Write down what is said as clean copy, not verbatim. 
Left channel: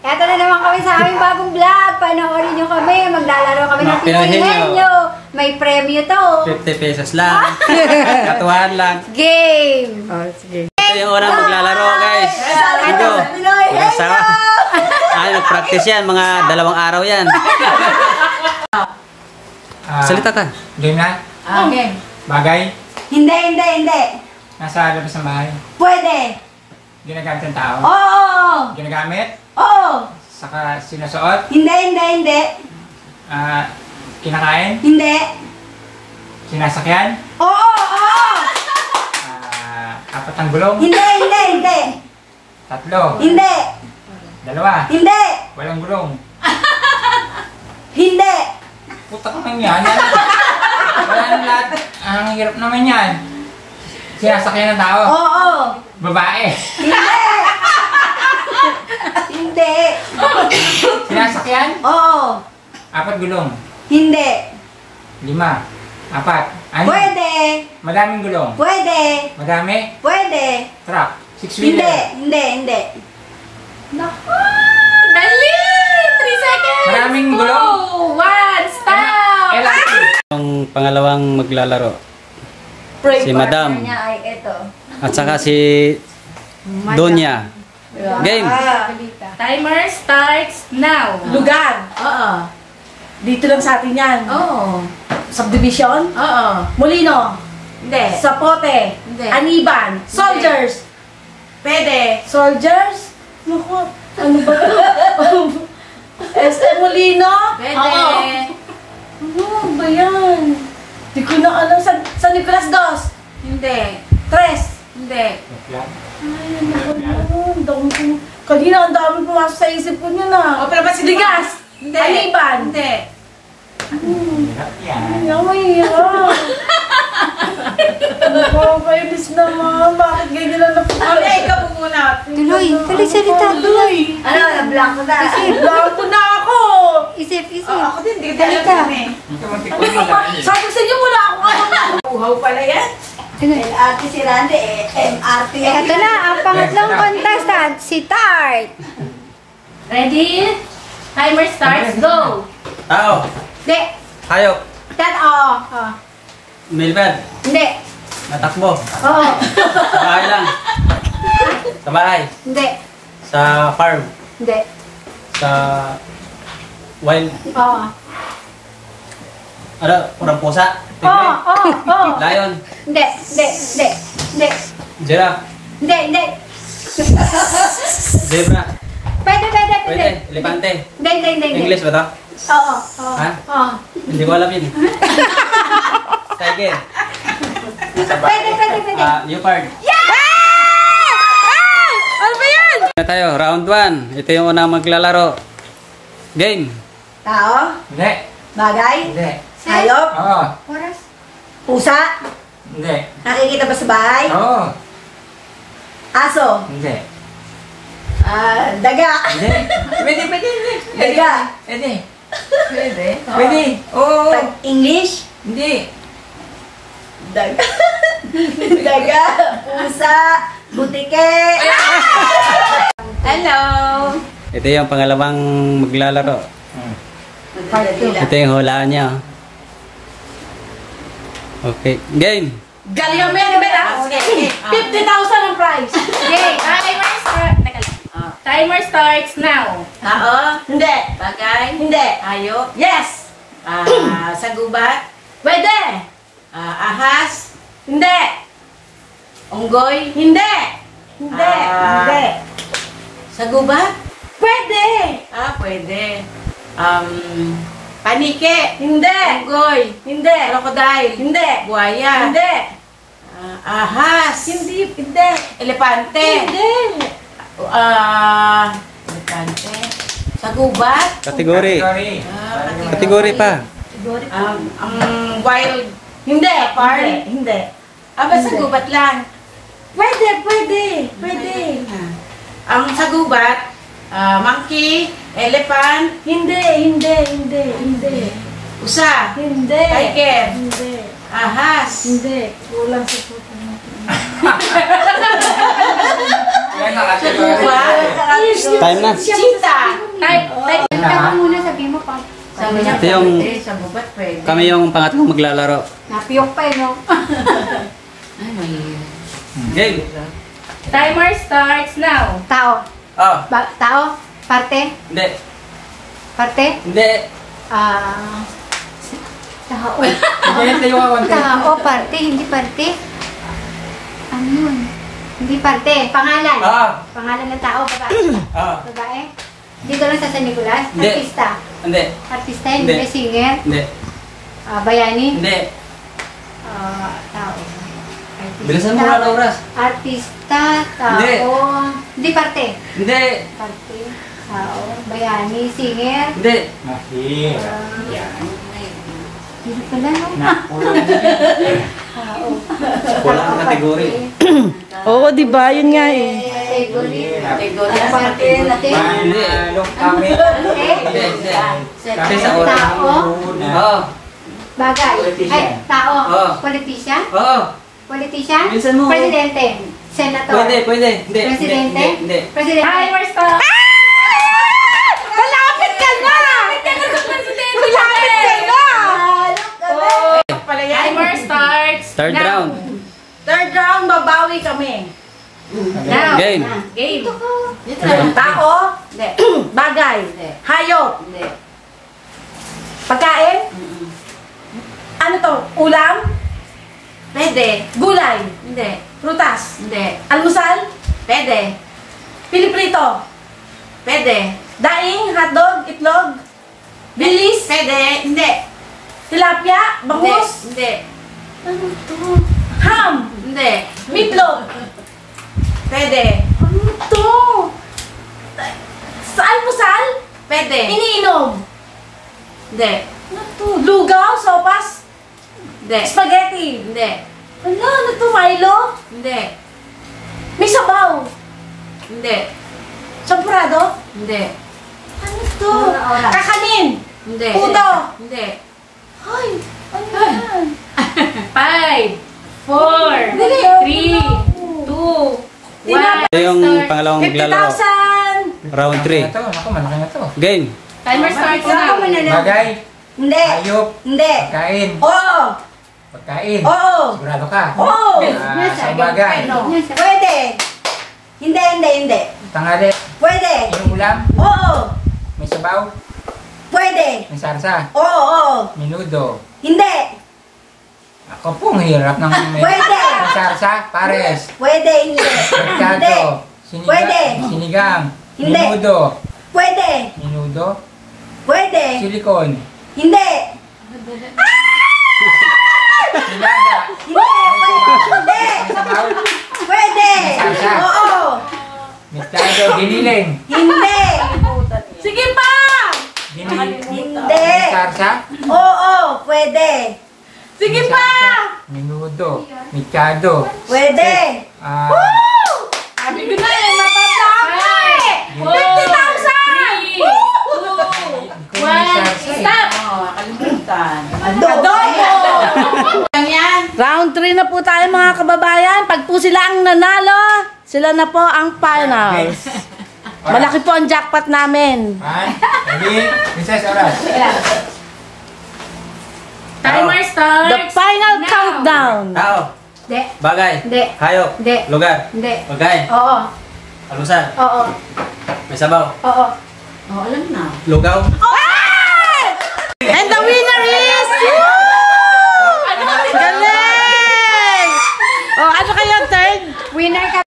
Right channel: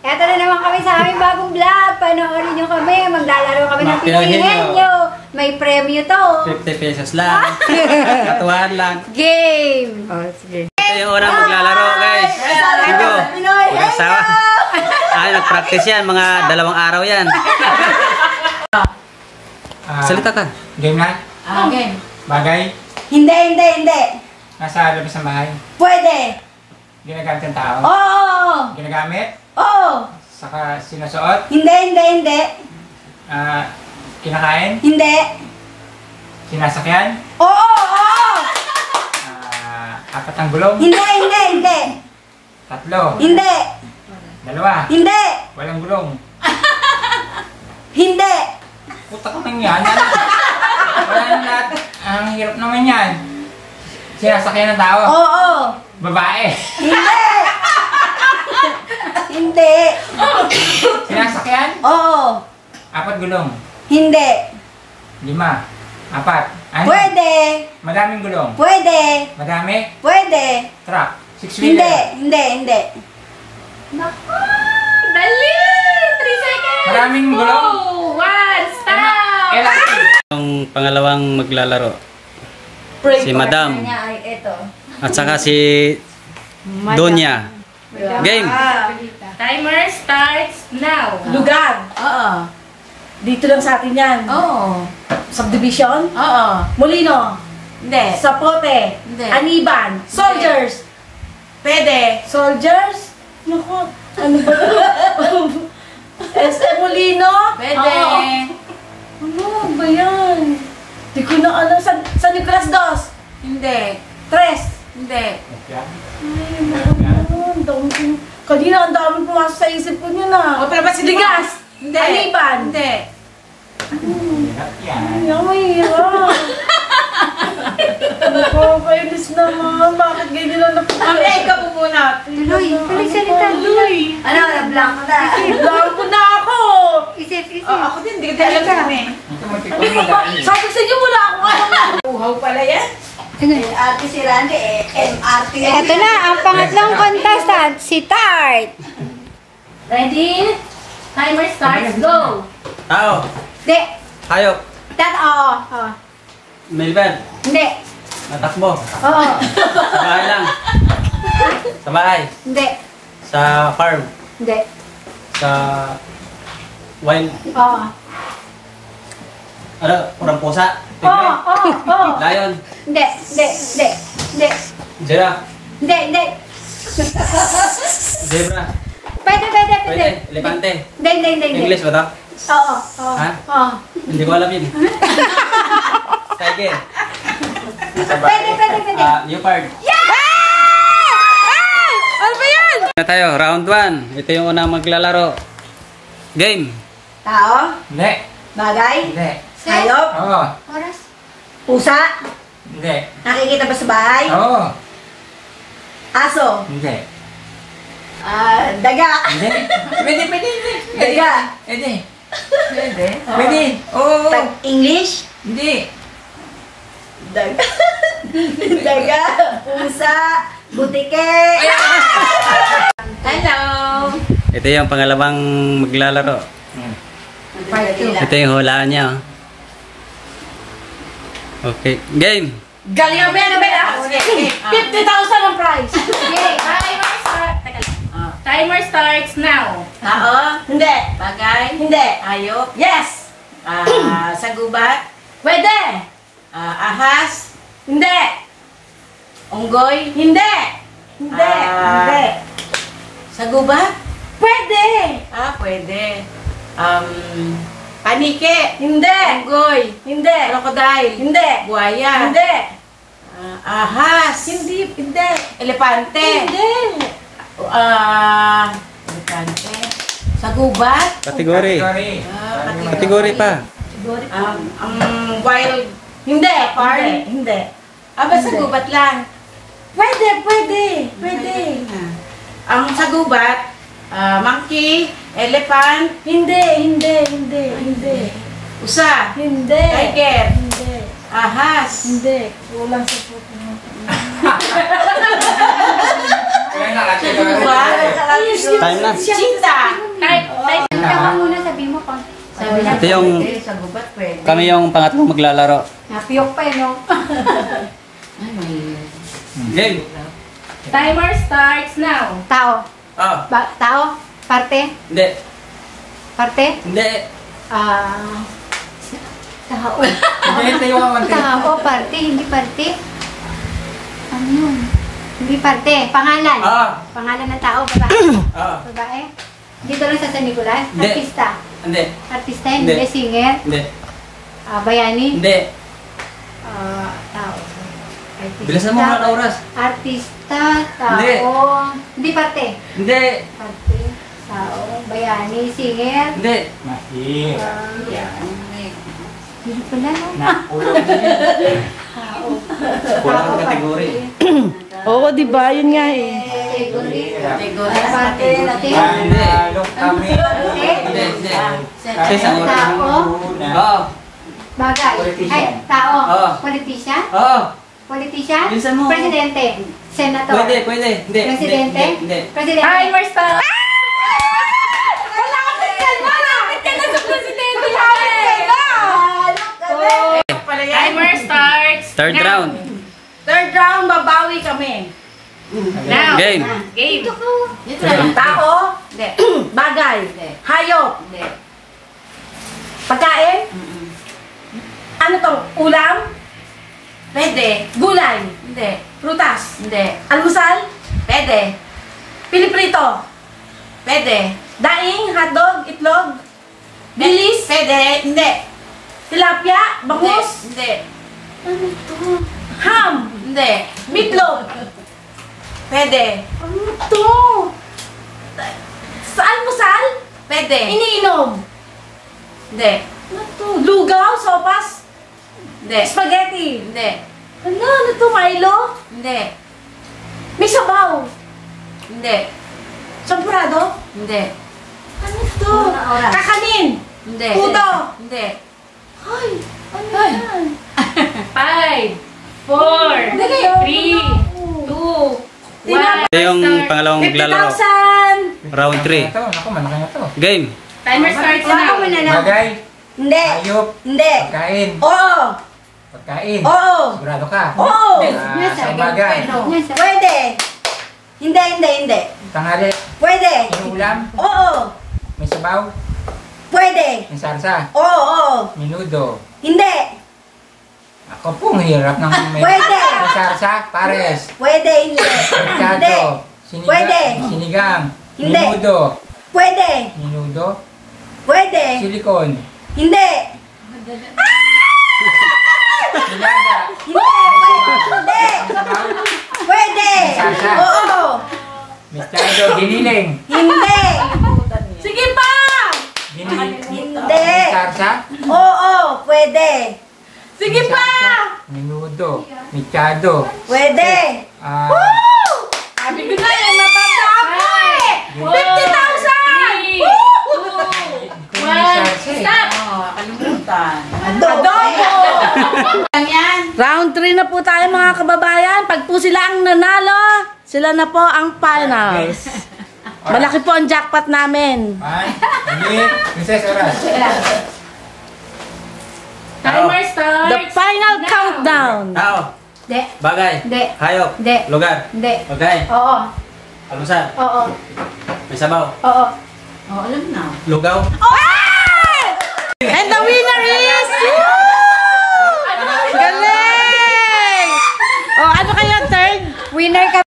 Eto na naman kami sa aming bagong vlog. Panoorin nyo kami. Maglalaro kami ng Pinoy Henyo. May premyo to. 50 pesos lang. Katuhan lang. Game! Oh, sige. Ito yung unang maglalaro, guys. Igo. Magkasawa. Ay, nag-practice yan. Mga 2 araw yan. Salita ka. Game na? Game. Bagay? Hindi. Nasa labas ng bahay? Pwede. Ginagamit ng tao? Oo. Ginagamit? Oo. Saka sinusuot? Hindi. Kinakain? Hindi. Sinasakyan? Oo. 4 ang gulong? Hindi. 3? Hindi. 2? Hindi. Walang gulong? Hindi. Puta ka nang yan. Wala nang lahat. Ang hirap naman yan. Sinasakyan ng tao? Oo. Babae? Hindi. Sinasakyan? Oo. 4 gulong? Hindi. 5? 4? Ano? Pwede. Madaming gulong? Pwede. Madami? Pwede. Truck? 6-wheeler? Hindi. Naku! Dali! 3 seconds! Maraming gulong? 1, stop! LRT? Yung pangalawang maglalaro. Si Madam. Ay, ito. At saka si Donya. Game. Timer starts now. Lugar. Oo. Dito lang sa atin yan. Oo. Subdivision. Oo. Molino. Hindi. Sapote. Hindi. Aniban. Soldiers. Pwede. Soldiers? Naku, ano ba ito? SM Molino? Pwede. Ano ba yan? Di ko na alam. San Nicolas Dos? Hindi. Tres. Hindi. Ay, ano ba yan? Kanina ang dami pumasok sa isip ko niya na. O, pero ba't Ligas. Hindi. Aniban. Hindi. Ay, ang mahirap. Nakakainis naman. Bakit ganyan na napupunta? Ikaw po muna. Tuloy salita. Ano, blanco na. Blanco na ako. Isip. Ako din, hindi ko alam kami. Ano pa ba? Sabi sa inyo wala akong alam. Uhaw pala yan. LRT si Randy, MRT. Ito na, ang pangatlong contestant, si Tart. Ready? Timer starts, go! Tao. Hindi. Hayop. Milbert. Hindi. Natakbo. Oo. Sa bahay lang. Sa bahay. Hindi. Sa farm. Hindi. Sa wild. Oo. Ano? Kurang pusa. Oo. Lion. Hindi. Giraffe. Hindi. Zebra. Pwede. Pwede. Elepante. Hindi. English ba ito? Oo. Ha? Oo. Hindi ko alam yun. Tiger. Pwede. Leopard. Ano ba yan? Na tayo, round 1. Ito yung unang maglalaro. Game. Tao. Hindi. Bagay. Hindi. Hayop. Oo. Oras. Pusa. Hindi. Nakikita ba sa bahay? Oo. Aso. Hindi. Daga. Hindi. Pwede. Daga. Pwede. Oo. English. Hindi. Daga. Daga. Pusa. Butike. Hello! Ito yung pangalawang maglalaro. Ito yung hulaan niya. Okay. Game. Galing ang mera. 50,000 ang prize. Okay, timer starts now. Tao. Hindi. Bagay. Hindi. Hayop. Yes. Sagubat. Pwede. Ahas. Hindi. Unggoy. Hindi. Hindi. Sagubat. Pwede. Pwede. Panike. Hindi. Unggoy. Hindi. Crocodile. Hindi. Buhaya. Hindi. Ahas. Hindi. Elepante. Hindi. Elepante. Sagubat. Kategory. Kategory pa. Wild. Hindi. Park. Hindi. Basta gubat lang. Pwede. Ang sagubat, monkey, elephant, Hindi. usa, Hindi. tiger, Hindi. ahas. Hindi. Kulang sa puto mo. Sa gubat. Time na. Cheetah. Ikaw ka muna, sabihin mo pa. Sabi Ito yung- Sa gubat pwede. Kami yung pangatlong maglalaro. Napiyok pa eh, no? Game. Timer starts now. Tao. Oh. Tao? Parte? Hindi. Parte? Hindi. Ah... Tao. Sige, tayo ka konti. Tao, parte, hindi parte. Ano yun? Hindi parte. Pangalan. Ah. Pangalan ng tao, babae. Ah. Babae. Dito lang sa San Nicolas. Hindi. Artista. Hindi. Artista, hindi. Hindi. Singer. Hindi. Bayani. Hindi. Tao. Artista. Bilisan mo na oras. Artista, tao. Hindi. Hindi parte. Hindi. Parte, tao, bayani, singer. Hindi. Mahir. Hindi pala, no? Tao. Wala kang kategory. Oo, di ba? Yun nga eh. Category. Category. Parte, Manalo kami. Hindi. Hindi. Sa Tao. Oo. Bagay. Ay, tao. Oo. Politician? Oo. Politician? Bilisan mo. Presidente? Senator? Pwede. Hindi. Presidente? Hindi. Presidente? Timer starts. Malapit ka na! Malapit ka na sa presidente natin! Timer starts. Third now. round. Third round, babawi kami. Now. Game. Game. Tao? Hindi. Bagay? Hayop? Hindi. Pagkain? Ano to? Ulam? Pwede. Gulay? Hindi. Prutas? Hindi. Almusal? Pwede. Piliprito? Pwede. Daing? Hotdog? Itlog? Bilis? Pwede. Hindi. Tilapia? Bangus? Hindi. Ano to? Ham? Hindi. Meatloaf? Pwede. Ano to? Sa almusal? Pwede. Iniinom? Hindi. Ano to? Lugaw? Sopas? Hindi. Spaghetti? Hindi. Ano to? Milo? Hindi. May sabaw? Hindi. Sampurado? Hindi. Ano to? Kakanin? Hindi. Puto? Hindi. Ay, ano yan? 5, 4, 3, 2, 1. Ito yung pangalawang maglalaro. 50,000! Round 3. Ito, naku, malaki na to. Game. Timer starts now. Bagay. Hindi. Hayop. Hindi. Pagkain. Oo. Pagkain. Oo. Sigurado ka. Oo. Sa umaga. Pwede. Hindi. Tanghali. Pwede. Inuulam. Oo. May sabaw. Pwede. May sarsa. Oo. Minudo. Hindi. Ako po, ang hirap ng may Pwede. sarsa. Pares. Pwede. Hindi. Mercado. Pwede. Sinigang. Hindi. Minudo. Pwede. Minudo. Pwede. Silikon. Hindi. Nilaga. Hindi. Pwede. Sarsa. Oo. Mercado. Giniling. Hindi. Sige pa. Giniling. Hindi. Sarsa. Oo. Pwede. Sige pa. Minudo. Mercado. Pwede. Sabi ko na eh, matatapos eh. 50,000! Stop! Adobo! Round 3 na po tayo mga kababayan. Pag po sila ang nanalo, sila na po ang finals. Malaki po ang jackpot namin. Princess, oras. Timer starts. The final now. countdown. Tao. Hindi. Bagay. Hindi. Hayop. Hindi. Lugar. Hindi. Pagkain. Oo. Almusal. Oo. May sabaw. Oo. Lugaw. And the winner is... Galing! Oh, ano kayo, third? Winner ka